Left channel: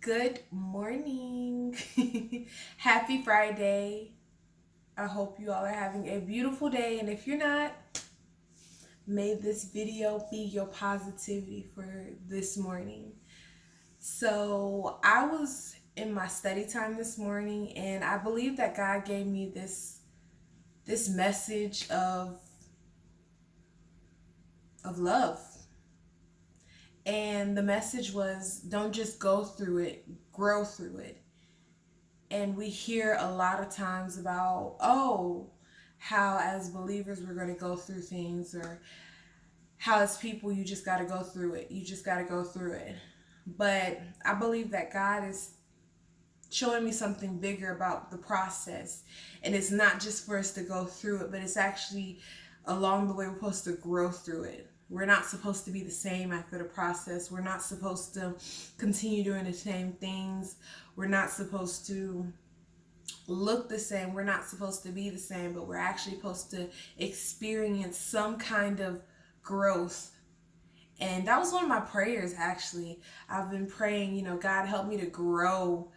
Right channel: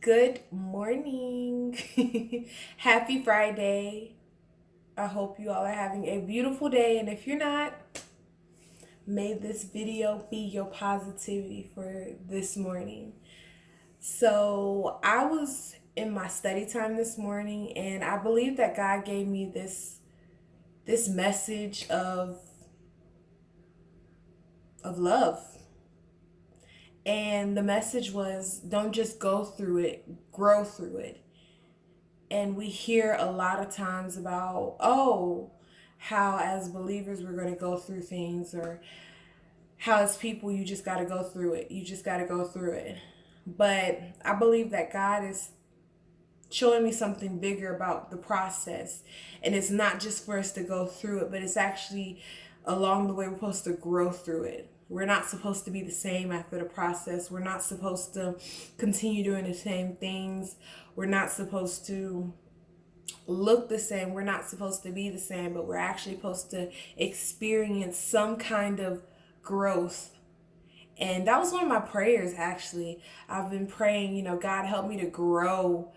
Good morning. Happy Friday. I hope you all are having a beautiful day. And if you're not, may this video be your positivity for this morning. So, I was in my study time this morning and I believe that God gave me this message of love. And the message was don't just go through it, grow through it. And we hear a lot of times about, oh, how as believers we're going to go through things, or how as people you just got to go through it. You just got to go through it. But I believe that God is showing me something bigger about the process. And it's not just for us to go through it, but it's actually along the way we're supposed to grow through it. We're not supposed to be the same after the process. We're not supposed to continue doing the same things. We're not supposed to look the same. We're not supposed to be the same, but we're actually supposed to experience some kind of growth. And that was one of my prayers, actually. I've been praying, God, help me to grow.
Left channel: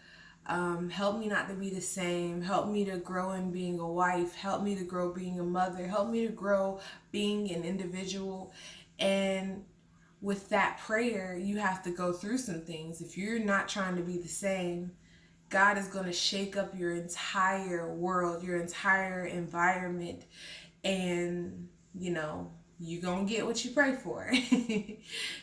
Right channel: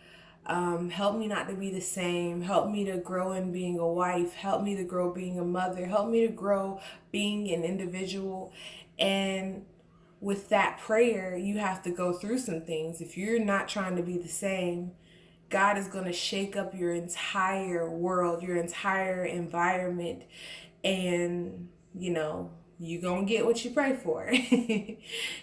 Help me not to be the same. Help me to grow in being a wife. Help me to grow being a mother. Help me to grow being an individual. And with that prayer, you have to go through some things. If you're not trying to be the same, God is going to shake up your entire world, your entire environment, and you're going to get what you pray for.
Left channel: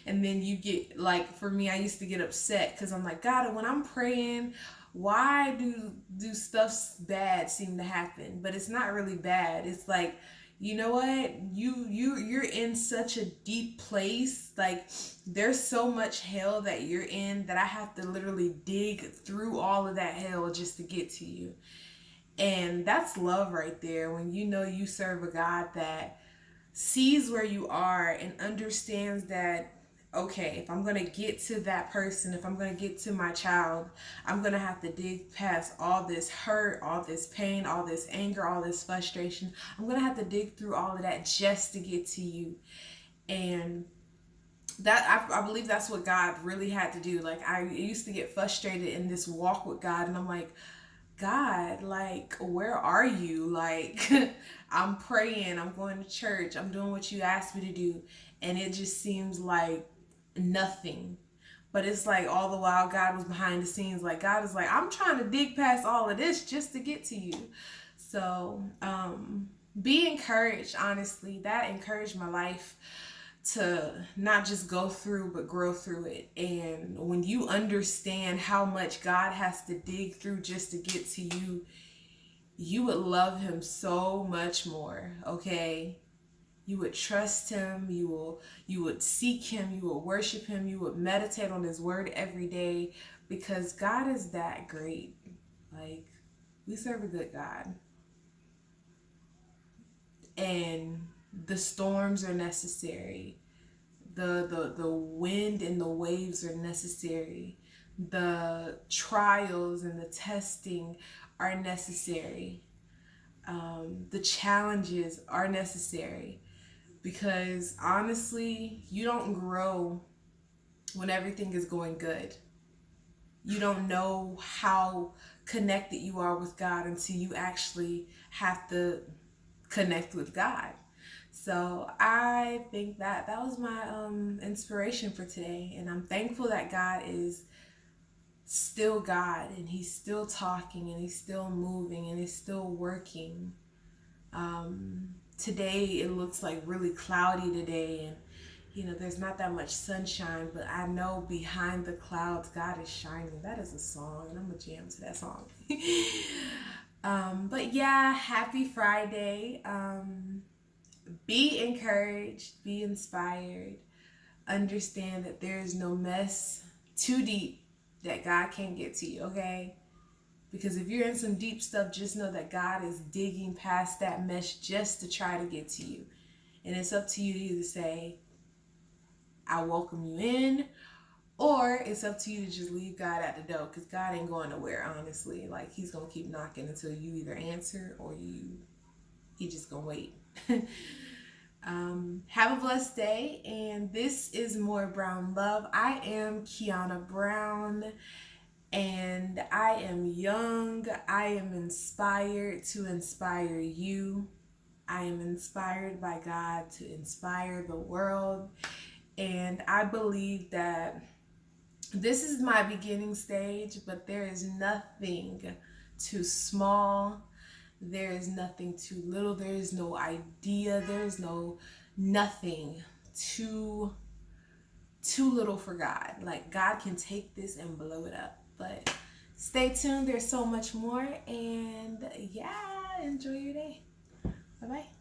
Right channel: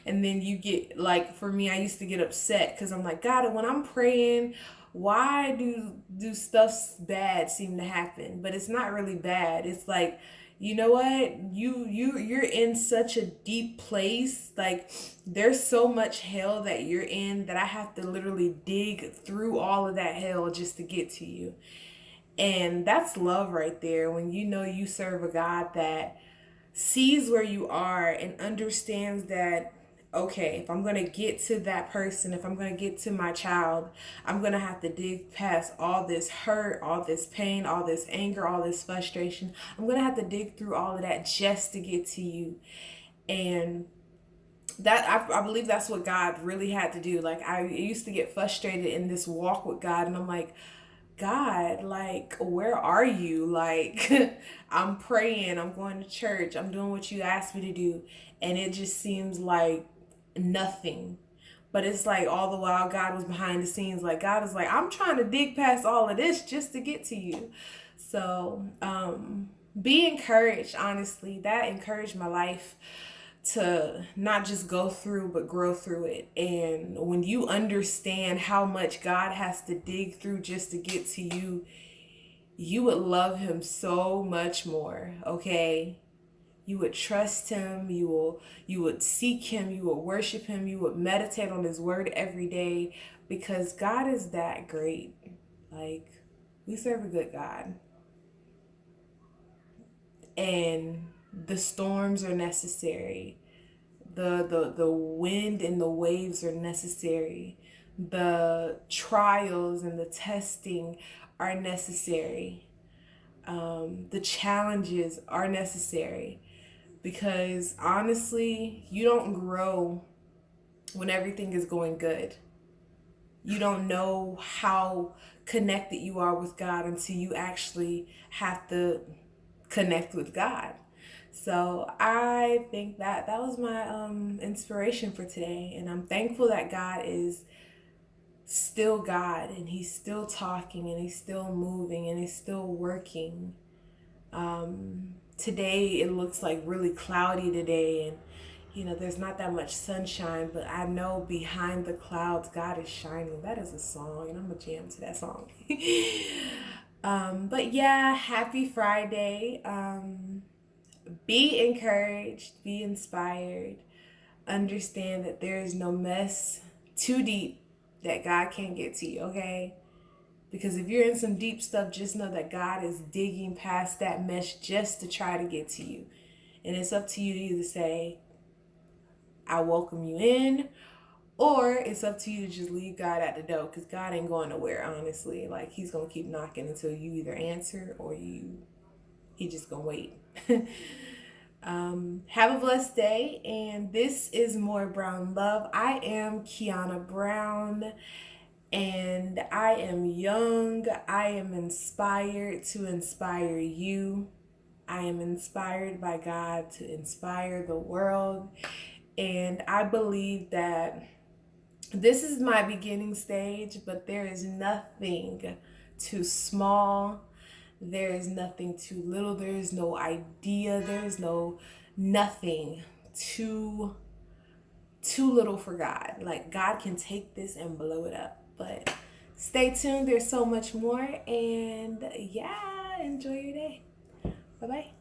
And then you get, like, for me, I used to get upset because I'm like, God, when I'm praying, why do stuff bad seem to happen? But it's not really bad. It's like, you know what, you're in such a deep place. Like, there's so much hell that you're in that I have to literally dig through all of that hell just to get to you. And that's love right there, when you serve a God that sees where you are and understands that, okay, if I'm going to get to that person, if I'm going to get to my child, I'm going to have to dig past all this hurt, all this pain, all this anger, all this frustration. I'm going to have to dig through all of that just to get to you. And that I believe that's what God really had to do. Like, I used to get frustrated in this walk with God, and I'm like, God, like, where are you? Like, I'm praying, I'm going to church, I'm doing what you asked me to do, and it just seems like nothing. But it's like all the while God was behind the scenes. Like, God is like, I'm trying to dig past all of this just to get to you. So, be encouraged, honestly. That encouraged my life to not just go through but grow through it. And when you understand how much God has to dig through just to get to you, you would love him so much more. Okay, you would trust him, you would seek him, you would worship him, you would meditate on his word every day, because God is that great. Like, we serve a good God. And the storms are necessary. The wind and the waves are necessary. The trials and the testing are necessary. The challenges are necessary, because honestly, you don't grow when everything is going good. You don't know how connected you are with God until you actually have to connect with God. So I think that was my inspiration for today, and I'm thankful that God is still God, and he's still talking, and he's still moving, and he's still working. Today it looks like really cloudy today, and there's not that much sunshine, but I know behind the clouds God is shining. That is a song, and I'm gonna jam to that song. But yeah, happy Friday. Be encouraged, be inspired. Understand that there is no mess too deep that God can't get to you, okay? Because if you're in some deep stuff, just know that God is digging past that mesh just to try to get to you. And it's up to you to either say, I welcome you in, or it's up to you to just leave God at the door, because God ain't going nowhere, honestly. Like, he's going to keep knocking until you either answer or he just going to wait. Have a blessed day, and this is More Brown Love. I am Kiana Brown, And I am young. I am inspired to inspire you. I am inspired by God to inspire the world. And I believe that this is my beginning stage, but there is nothing too small. There is nothing too little. There is no idea. There is no nothing too little for God. Like, God can take this and blow it up. But stay tuned. There's so much more. And yeah, enjoy your day. Bye-bye.